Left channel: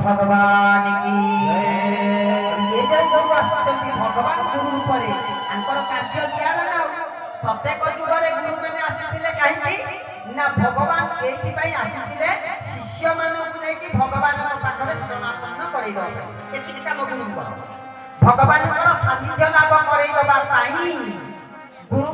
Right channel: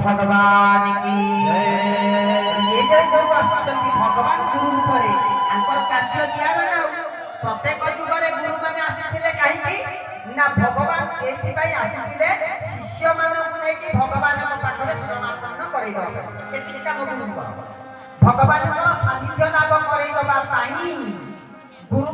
भगवान की ये जो गुरु आसिचंती भगवान गुरु रूप रे आंकर कार्य दियार ना प्रत्येक युग रे गुरु माने आसिथिले काहीकि ना भगवान एथि पई आसिथिले शिष्य मानक नै कि भगवान को पाखरे समापन करै दो एथि का गुरु भगवान को सानिध्य लाभ करै दबा पाई गुरु